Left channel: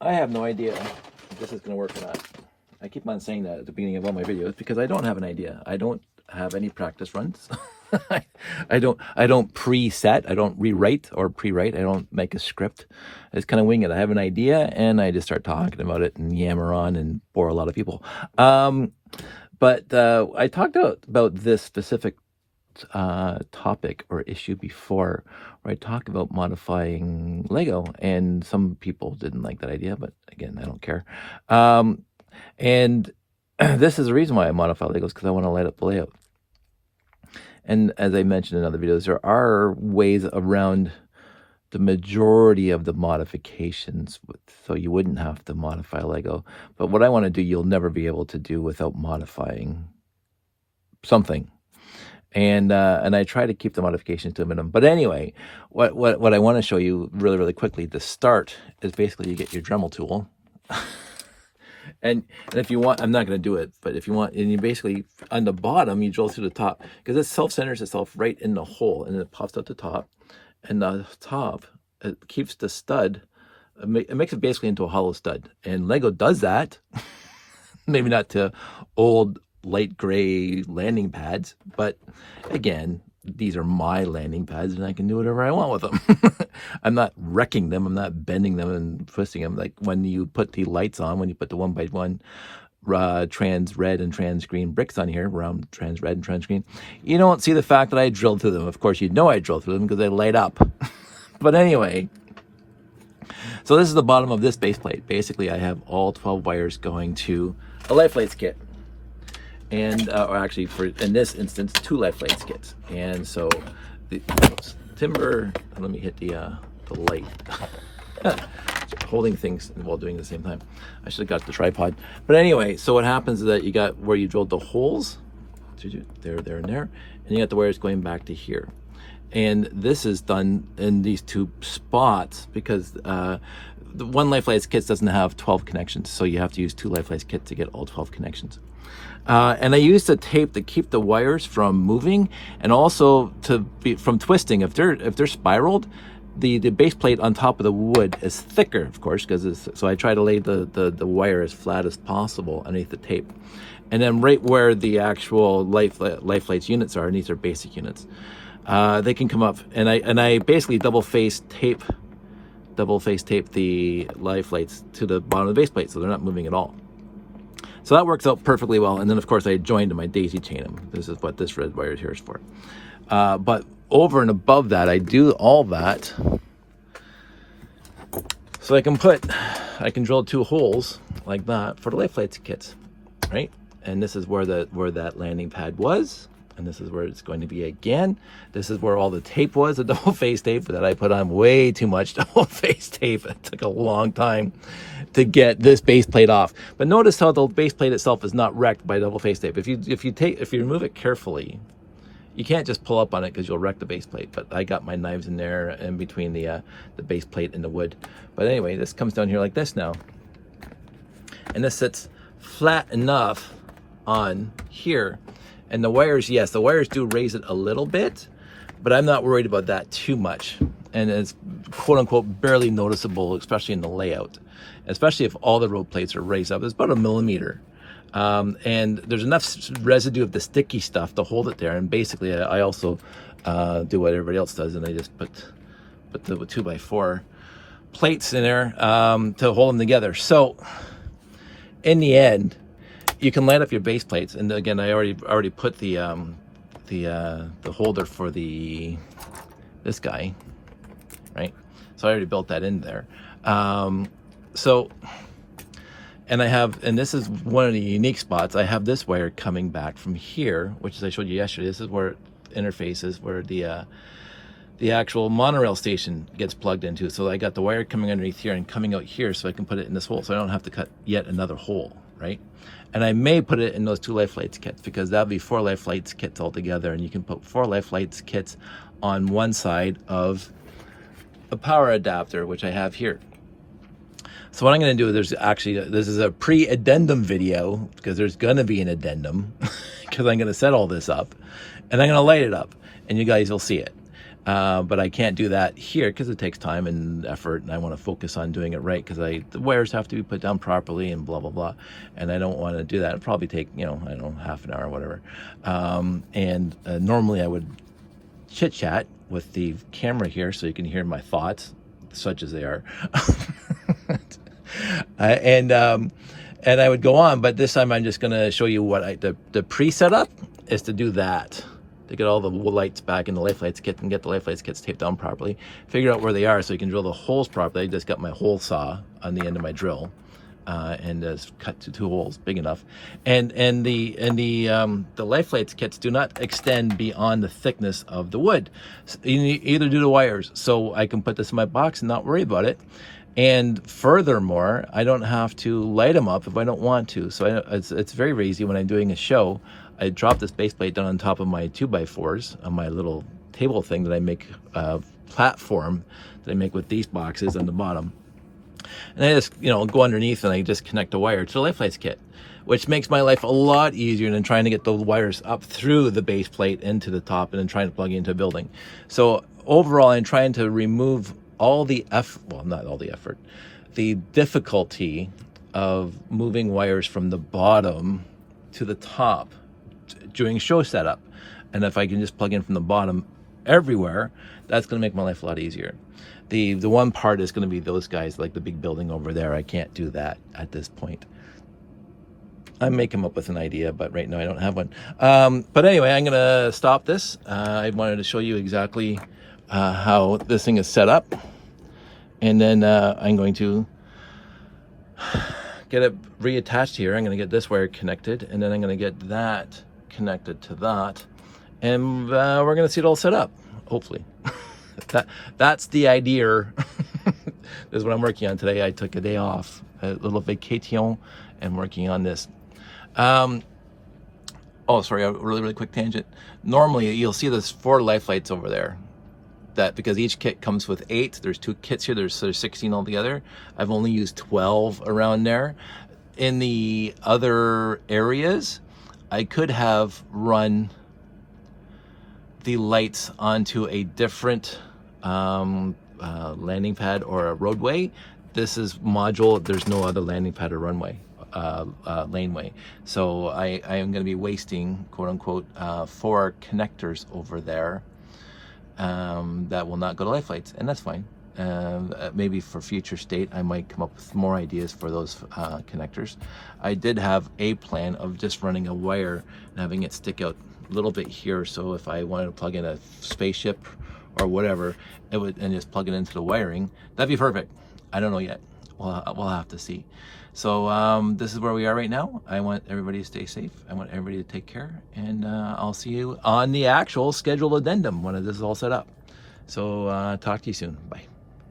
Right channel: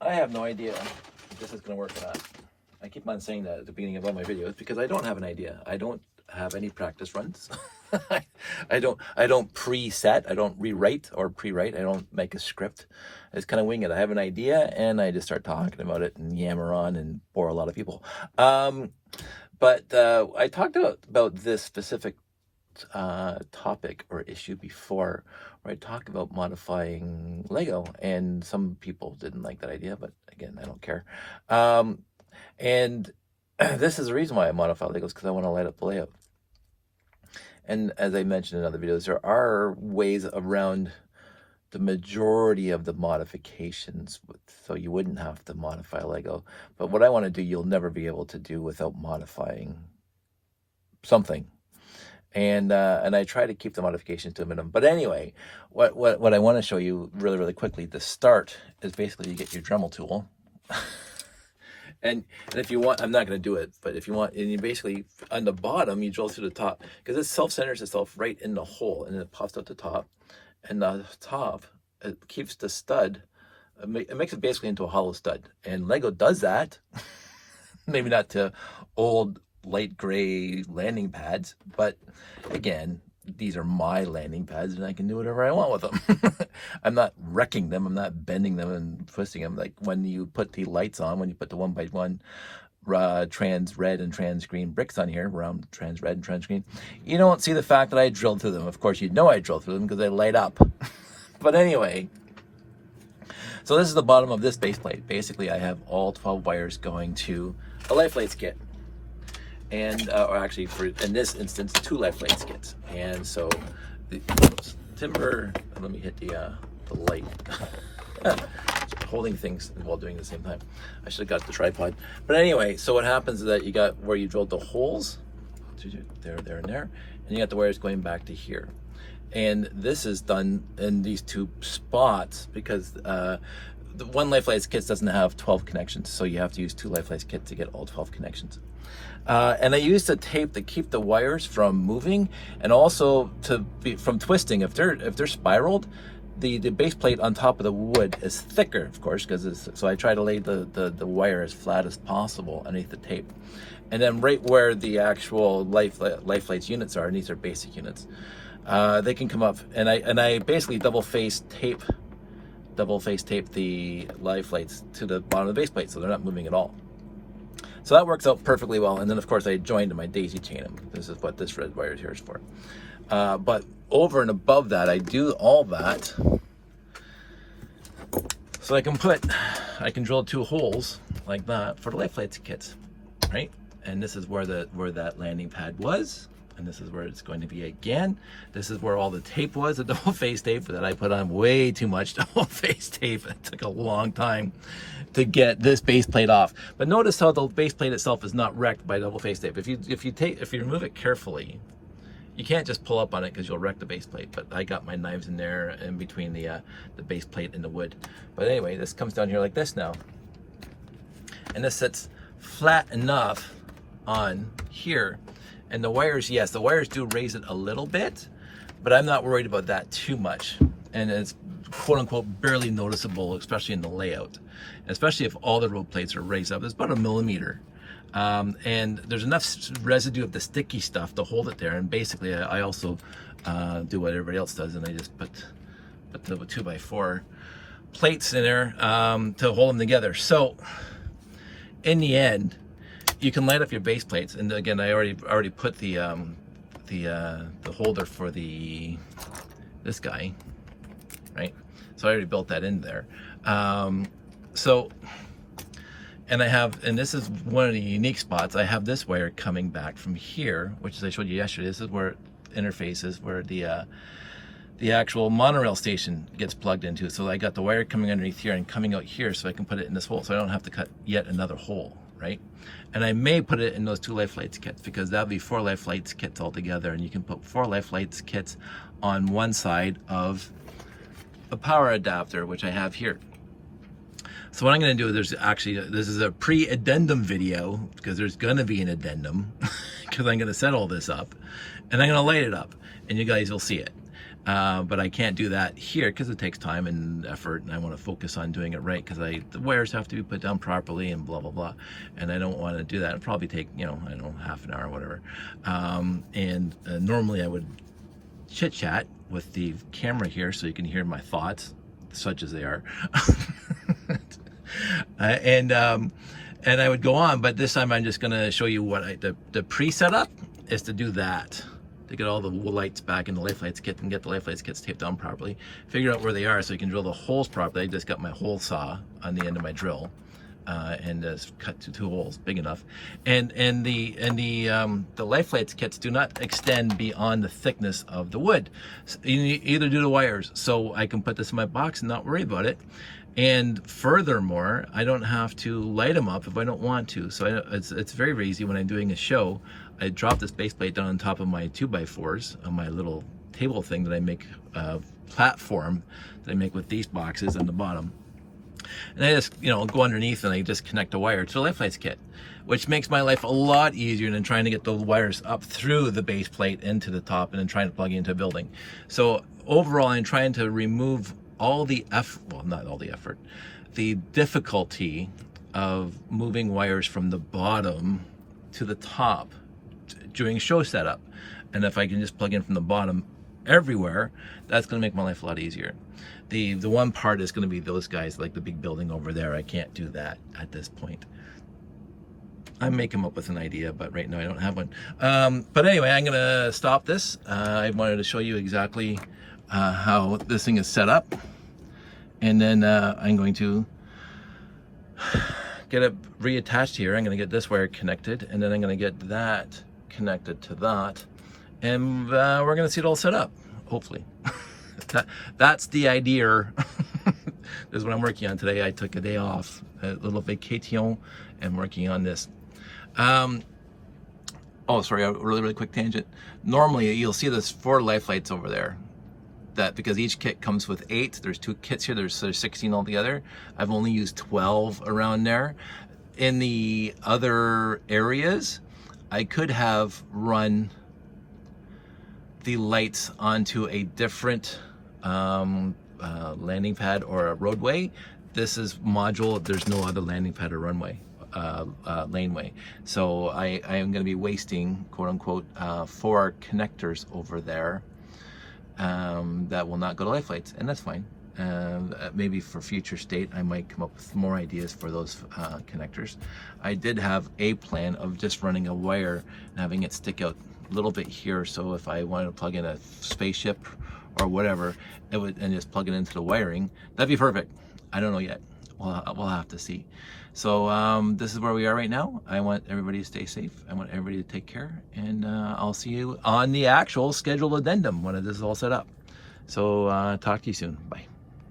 I have no idea if this is going to work or not. I keep on saying that at the beginning of all my videos because I don't have an idea. I don't have any practice runs. I don't preset. I don't rewrite or pre-write. I don't make a script. I just kind of wing it. I have an idea and I just start talking about it and yammer on and bore a lot of people. But I talked about this specific topic or issue before, where I talked about modifying Lego, and some people didn't like that idea, but again, I don't care. And this is the reason why I modify Legos, because I want to light up the layout. And as I mentioned in other videos, there are ways around the majority of the modifications, so you wouldn't have to modify Lego. But what I want to do, you'll never be able to do without modifying something. And I try to keep the modifications to a minimum. But anyway, what I want to show you really quickly to start is basically you get your Dremel tool. And if you want, I'm not going to do it, but if you want, and you basically, on the bottom, you drill through the top, because it self-centers itself right in the hole, and it pops out the top. And the top, it keeps the stud, it makes it basically into a hollow stud. And Lego does that, maybe not to old light gray landing pads, but again, these are my landing pads and I can do whatever I want with them. I'm not wrecking them, I'm not bending them and twisting them. Like when you put the lights on, when you put the 1x1 trans red and trans green bricks on here, around trans red and trans green, you don't see the fact that I drilled through them. Of course, you know I drilled through them because they light up. But anyway, so this is the bottom of this base plate. Basically, I have all 12 wires going to the life lights kit. And or actually, in this instance, 2 life lights kits. And so the timber, let me hit the light. Holding things while doing it at the same time. I should have got the tripod. But anyway, so what happens is that you got where you drilled the holes, there, and there, and you got the wires going back to here. And this is done in these 2 spots because the one life lights kit doesn't have 12 connections, so you have to use 2 life lights kit to get all 12 connections. And I use the tape to keep the wires from moving, and also from twisting. If they're spiraled, the base plate on top of the wood is thicker, of course, so I try to lay the wire as flat as possible underneath the tape. And then right where the actual life lights units are, and these are basic units, they can come up, and I basically double face tape the life lights to the bottom of the base plate, so they're not moving at all. So that works out perfectly well. And then of course I joined them, I daisy chain them. This is what this red wire here is for. But over and above that, I do all that so I can drill 2 holes like that for the life lights kits, right? And this is where that landing pad was, and this is where it's going to be again. This is where all the tape was, the double face tape that I put on way too much double face tape. It took a long time to get this base plate off. But notice how the base plate itself is not wrecked by double face tape. If you remove it carefully, you can't just pull up on it because you'll wreck the base plate. But I got my knives in there in between the base plate and the wood. But anyway, this comes down here like this now, and this sits flat enough on here. And the wires, yes, the wires do raise it a little bit, but I'm not worried about that too much. And it's quote unquote barely noticeable, especially in the layout, especially if all the road plates are raised up. It's about 1 millimeter. And there's enough residue of the sticky stuff to hold it there. And basically I also do what everybody else does, and I just put the 2x4 plates in there to hold them together. So in the end, you can light up your base plates. And again, I already put the holder for this guy, right? So I already built that in there. And this is one of the unique spots. I have this wire coming back from here, which as I showed you yesterday, this is where it interfaces, where the actual monorail station gets plugged into. So I got the wire coming underneath here and coming out here, so I can put it in this hole, so I don't have to cut yet another hole, right? And I may put it in those 2 life lights kits, because that'll be 4 life lights kits altogether, and you can put 4 life lights kits on one side of a power adapter, which I have here. So what I'm going to do, this is a pre-addendum video, because there's going to be an addendum, because I'm going to set all this up, and I'm going to light it up, and you guys will see it. But I can't do that here because it takes time and effort, and I want to focus on doing it right because the wires have to be put down properly and blah, blah, blah. And I don't want to do that. It'll probably take, I don't know, half an hour or whatever. Normally I would chit chat with the camera here so you can hear my thoughts, such as they are. And I would go on, but this time I'm just going to show you what the pre-setup is to do that. To get all the lights back in the life lights kit and get the life lights kits taped down properly. Figure out where they are so you can drill the holes properly. I just got my hole saw on the end of my drill and just cut to 2 holes big enough. And the life lights kits do not extend beyond the thickness of the wood. So you either do the wires, so I can put this in my box and not worry about it. And furthermore, I don't have to light them up if I don't want to. So it's very easy when I'm doing a show. I drop this base plate down on top of my 2x4s on my little table thing that I make, platform that I make with these boxes on the bottom. And I just, go underneath and I just connect a wire to the life lights kit, which makes my life a lot easier than trying to get the wires up through the base plate into the top and then trying to plug into a building. So overall, I'm trying to remove all the not all the effort, the difficulty of moving wires from the bottom to the top during show setup. And if I can just plug in from the bottom everywhere, that's going to make my life a lot easier. The one part is going to be those guys, like the big building over there. I can't do that at this point. I may come up with an idea, but right now I don't have one. But anyway, I'm going to stop this. I wanted to show you exactly how this thing is set up. And then I'm going to get it reattached here. I'm going to get this wire connected, and then I'm going to get that connected to that, and we're going to see it all set up, hopefully. That's the idea. This is what I'm working on today. I took a day off, a little vacation, and working on this. Oh, sorry, a really quick tangent. Normally, you'll see there's 4 life lights over there. That because each kit comes with 8. There's 2 kits here. There's 16 altogether. I've only used 12 around there. In the other areas, I could have run the lights onto a different landing pad or a roadway. This is module. There's no other landing pad or runway, laneway. So I am going to be wasting, quote unquote, 4 connectors over there that will not go to life lights, and that's fine. Maybe for future state, I might come up with more ideas for those connectors. I did have a plan of just running a wire and having it stick out a little bit here, so if I wanted to plug in a spaceship or whatever, it would, and just plug it into the wiring, that'd be perfect. I don't know yet. We'll have to see. So this is where we are right now. I want everybody to stay safe. I want everybody to take care, and I'll see you on the actual scheduled addendum when this is all set up. So talk to you soon. Bye.